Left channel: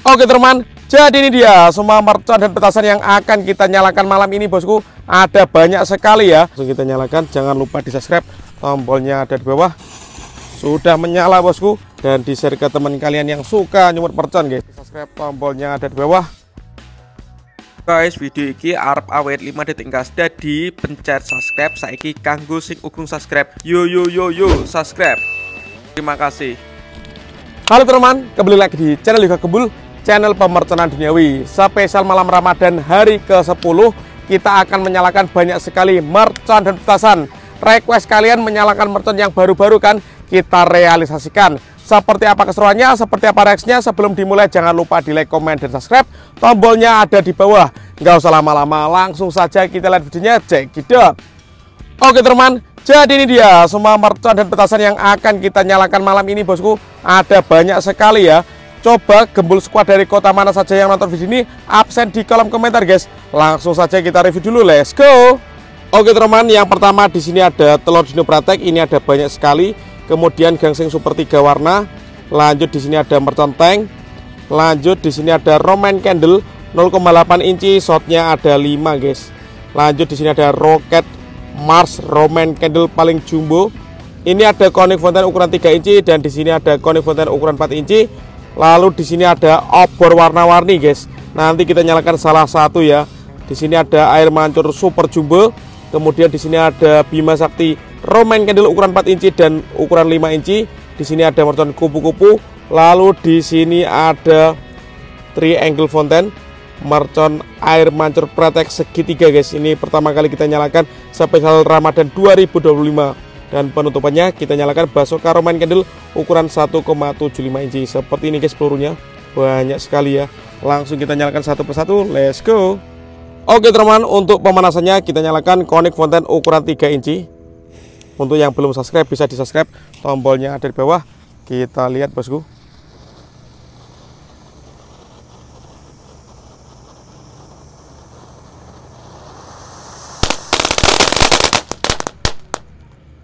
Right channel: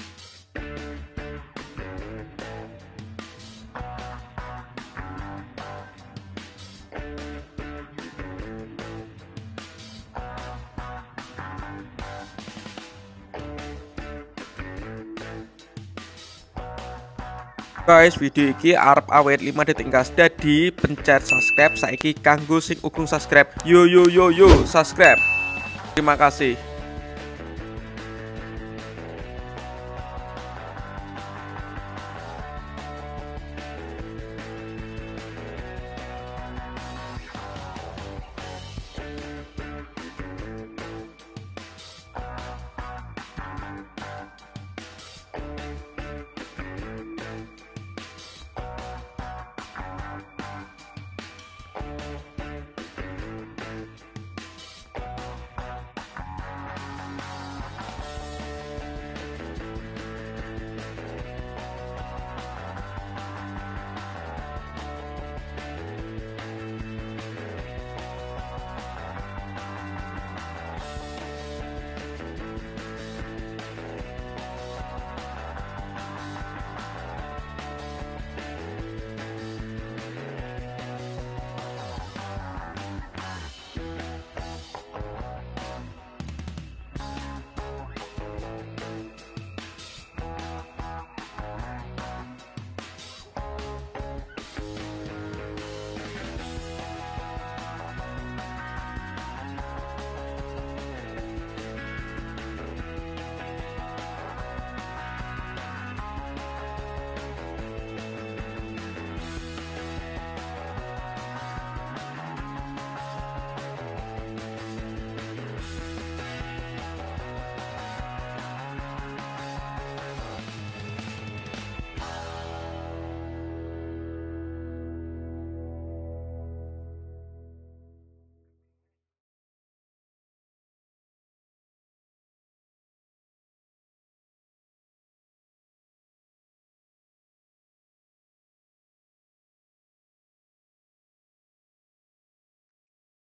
Oke teman, jadi ini dia semua mercon dan petasan yang akan kita nyalakan malam ini bosku. Ada banyak sekali ya. Langsung kita nyalakan, jangan lupa di subscribe, tombolnya ada di bawah. Sudah menyala bosku. Dan di share ke teman kalian yang suka nyumut mercon guys. Subscribe, tombolnya ada di bawah. Guys, video ini arep awet 5 detik gas. Jadi pencet subscribe saiki kanggo sing ugung subscribe. Yo subscribe. Terima kasih. Halo teman, kembali lagi di channel Yoga Gembul, channel pemerconan duniawi. Spesial malam Ramadan hari ke-10, kita akan menyalakan banyak sekali mercon dan petasan. Request kalian menyalakan mercon yang baru-baru kan kita realisasikan. Seperti apa keseruannya, seperti apa reaksinya, sebelum dimulai jangan lupa di like, komen, dan subscribe. Tombolnya ada di bawah. Nggak usah lama-lama, langsung saja kita lihat videonya, check it out. Oke teman, jadi ini dia semua mercon dan petasan yang akan kita nyalakan malam ini bosku. Ada banyak sekali ya. Coba Gembul Squad dari kota mana saja yang nonton video ini, absen di kolom komentar guys. Langsung saja kita review dulu, let's go. Oke teman, yang pertama di sini ada telur dino pratek, ini ada banyak sekali. Kemudian gangsing super 3 warna. Lanjut di sini ada mercon tank. Lanjut di sini ada Roman Candle 0,8 inci, shotnya ada 5 guys. Lanjut di sini ada Rocket Mars Roman Candle paling jumbo. Ini ada Conic Fountain ukuran 3 inci dan di sini ada Conic Fountain ukuran 4 inci. Lalu di sini ada obor warna-warni guys. Nanti kita nyalakan salah satu ya. Di sini ada air mancur super jumbo. Kemudian di sini ada Bima Sakti Roman Candle ukuran 4 inci dan ukuran 5 inci. Di sini ada mercon kupu-kupu. Lalu di sini ada Triangle Fountain mercon air mancur pratek segitiga guys. Ini pertama kali kita nyalakan spesial Ramadan 2025. Dan penutupannya kita nyalakan Basoka Roman Candle ukuran 1,75 inci. Seperti ini guys pelurunya, banyak sekali ya. Langsung kita nyalakan satu persatu, let's go. Oke teman, untuk pemanasannya kita nyalakan Conic Fountain ukuran 3 inci. Untuk yang belum subscribe bisa di subscribe, tombolnya ada di bawah. Kita lihat bosku.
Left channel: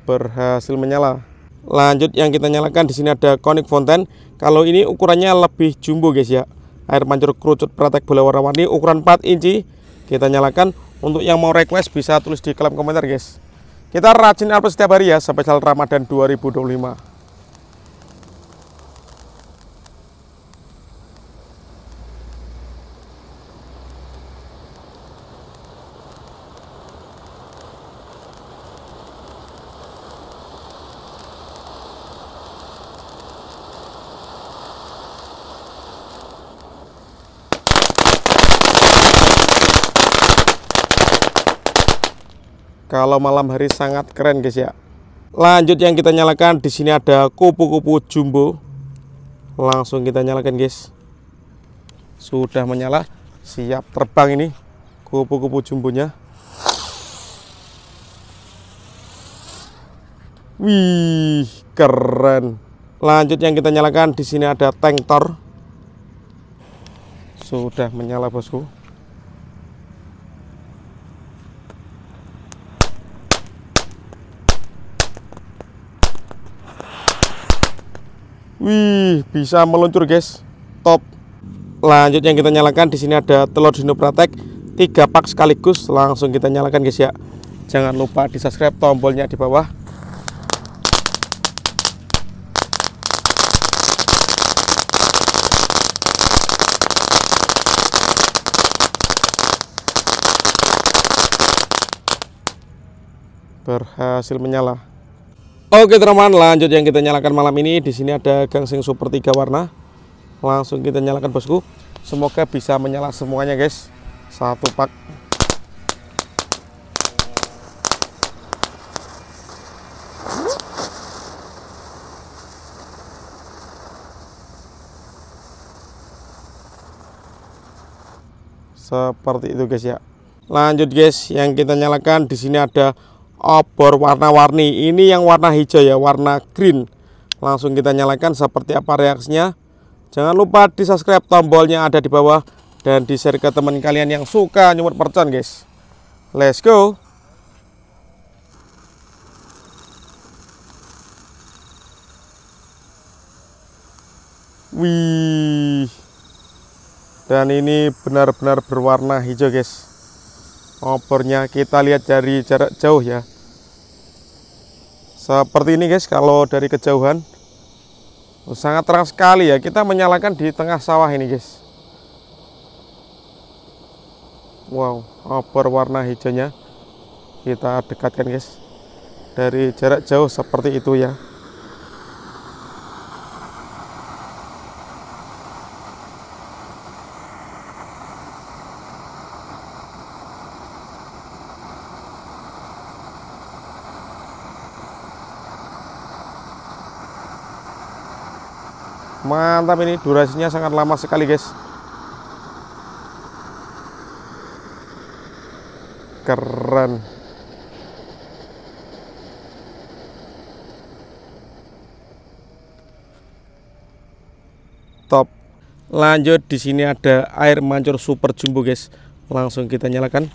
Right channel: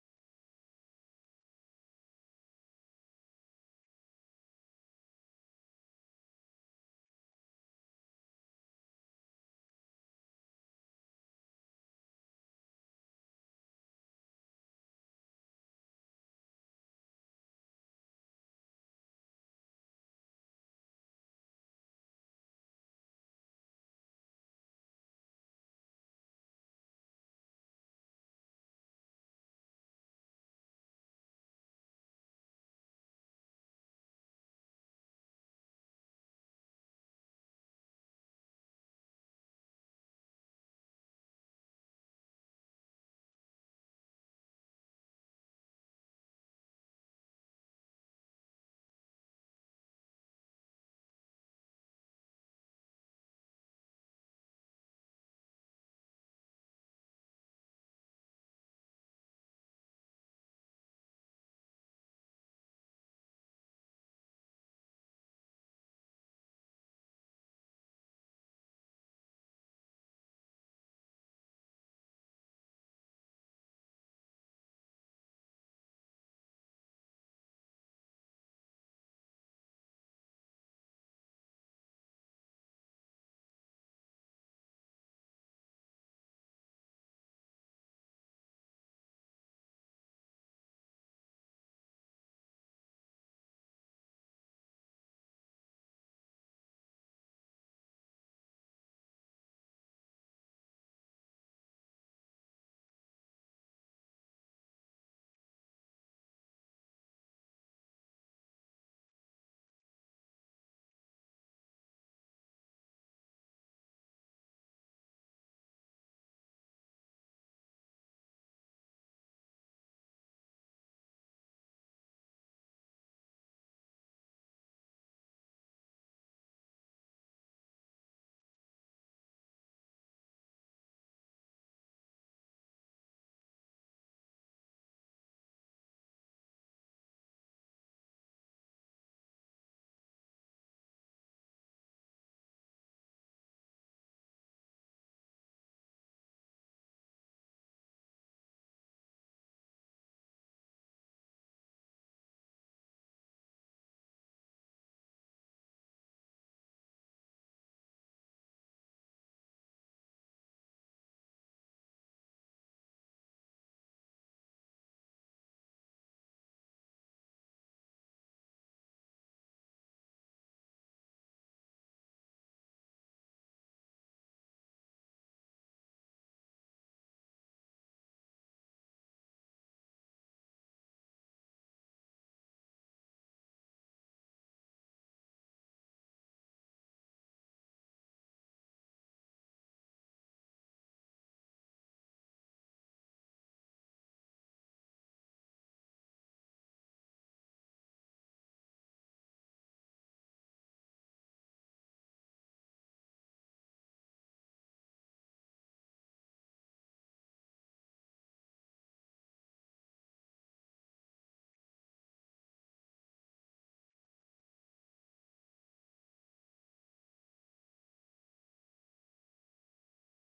Berhasil menyala. Lanjut yang kita nyalakan di sini ada Conic Fountain. Kalau ini ukurannya lebih jumbo guys ya. Air mancur kerucut pratek bola warna-warni ukuran 4 inci. Kita nyalakan. Untuk yang mau request bisa tulis di kolom komentar guys. Kita rajin upload setiap hari ya spesial Ramadan 2025. Kalau malam hari sangat keren guys ya. Lanjut yang kita nyalakan di sini ada kupu-kupu jumbo. Langsung kita nyalakan guys. Sudah menyala, siap terbang ini kupu-kupu jumbonya. Wih, keren. Lanjut yang kita nyalakan di sini ada tank Thor. Sudah menyala bosku. Wih, bisa meluncur guys, top. Lanjut yang kita nyalakan di sini ada telur dino pratek 3 pak sekaligus. Langsung kita nyalakan guys ya. Jangan lupa di subscribe, tombolnya di bawah. Berhasil menyala. Oke teman, lanjut yang kita nyalakan malam ini. Di sini ada gangsing super 3 warna. Langsung kita nyalakan bosku. Semoga bisa menyala semuanya guys. Satu pak. Seperti itu guys ya. Lanjut guys, yang kita nyalakan di sini ada obor warna-warni. Ini yang warna hijau ya, warna green. Langsung kita nyalakan seperti apa reaksinya. Jangan lupa di subscribe, tombolnya ada di bawah. Dan di share ke teman kalian yang suka nyumut mercon guys. Let's go. Wih, Dan ini benar-benar berwarna hijau guys. Obornya kita lihat dari jarak jauh ya. Seperti ini guys, kalau dari kejauhan sangat terang sekali ya. Kita menyalakan di tengah sawah ini guys. Wow, obor warna hijaunya kita dekatkan guys. Dari jarak jauh seperti itu ya. Mantap, ini durasinya sangat lama sekali guys. Keren. Top. Lanjut, di sini ada air mancur super jumbo guys. Langsung kita nyalakan.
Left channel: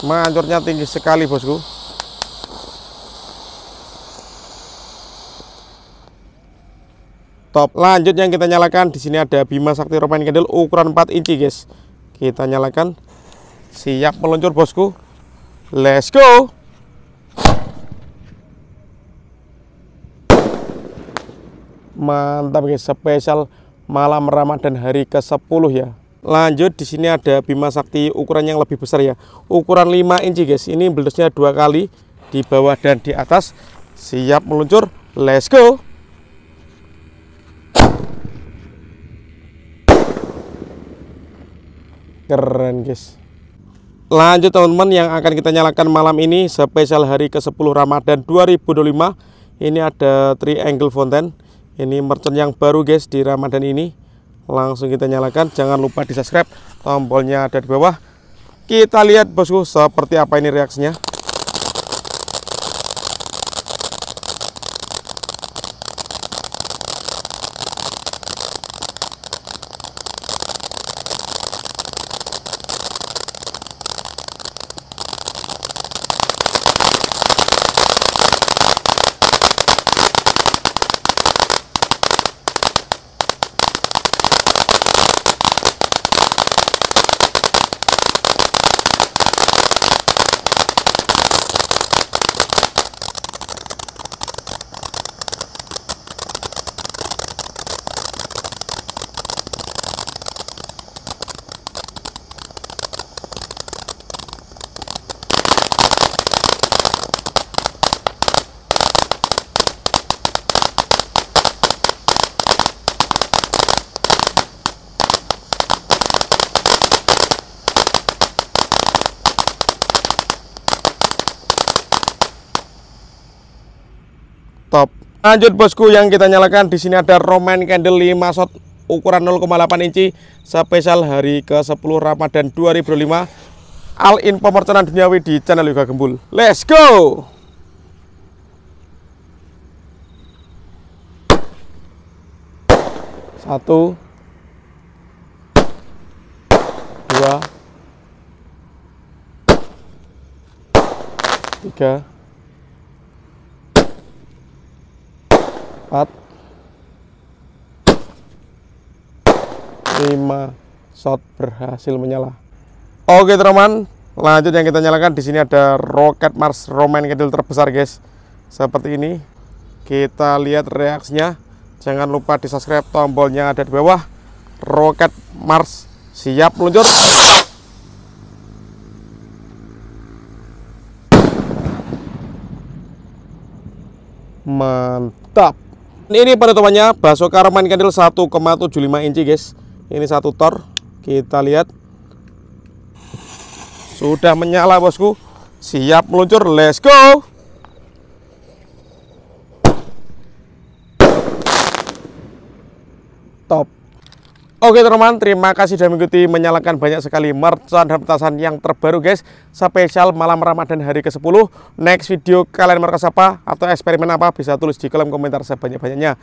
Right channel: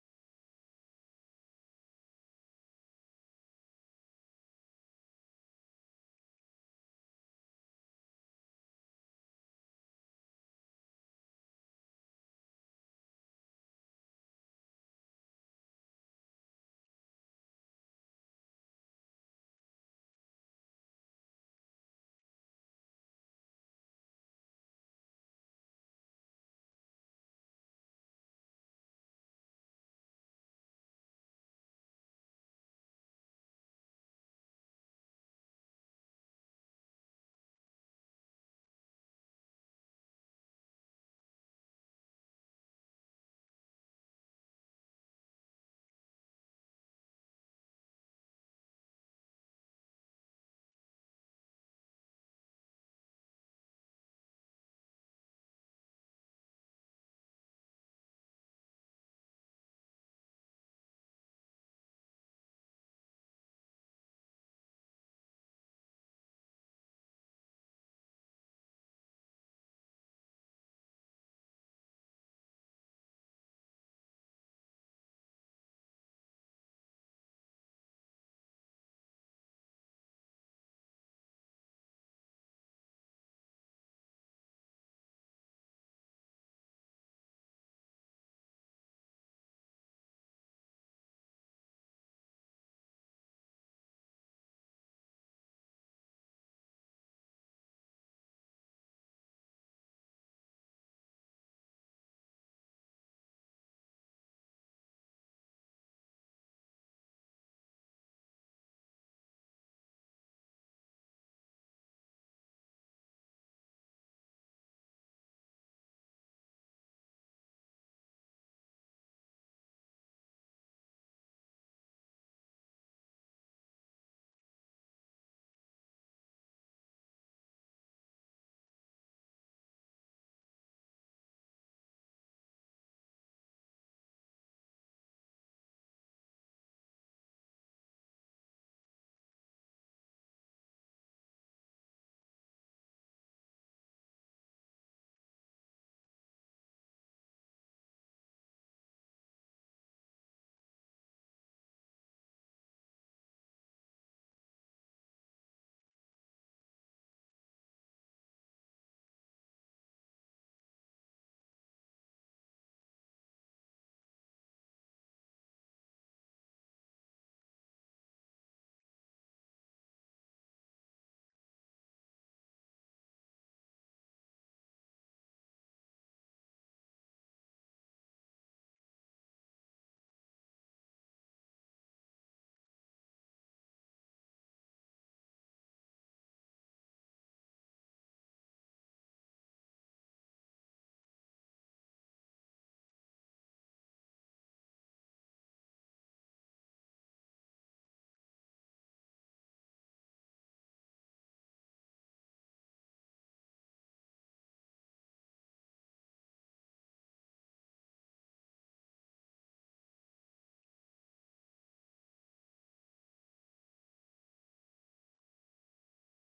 Mancurnya tinggi sekali bosku. Top. Lanjut yang kita nyalakan, di sini ada Bima Sakti Romaine Candle ukuran 4 inci guys. Kita nyalakan. Siap meluncur bosku. Let's go. Mantap guys, spesial malam Ramadan hari ke-10 ya. Lanjut, di sini ada Bima Sakti ukuran yang lebih besar ya. Ukuran 5 inci guys. Ini belusnya 2 kali di bawah dan di atas. Siap meluncur. Let's go. Keren guys. Lanjut teman-teman, yang akan kita nyalakan malam ini spesial hari ke-10 Ramadan 2025. Ini ada triangle fountain. Ini merchant yang baru guys di Ramadan ini. Langsung kita nyalakan. Jangan lupa di subscribe, tombolnya ada di bawah. Kita lihat bosku seperti apa ini reaksinya. Top. Lanjut bosku, yang kita nyalakan di sini ada Romaine Candle 5 shot ukuran 0,8 inci spesial hari ke-10 Ramadan 2025. All info mercenan duniawi di channel Yoga Gembul. Let's go. Satu, dua, tiga, 4, 5 shot berhasil menyala. Oke teman-teman, lanjut yang kita nyalakan, di sini ada Rocket Mars Romaine Candle terbesar guys. Seperti ini. Kita lihat reaksinya. Jangan lupa di subscribe, tombolnya ada di bawah. Rocket Mars siap meluncur. Mantap. Ini penutupannya Basoka Romaine Candle 1,75 inci guys. Ini satu tor. Kita lihat. Sudah menyala bosku. Siap meluncur. Let's go. Top. Oke teman-teman, terima kasih sudah mengikuti menyalakan banyak sekali merchant dan petasan yang terbaru guys. Spesial malam Ramadan hari ke-10. Next video kalian mereka apa atau eksperimen apa bisa tulis di kolom komentar sebanyak-banyaknya.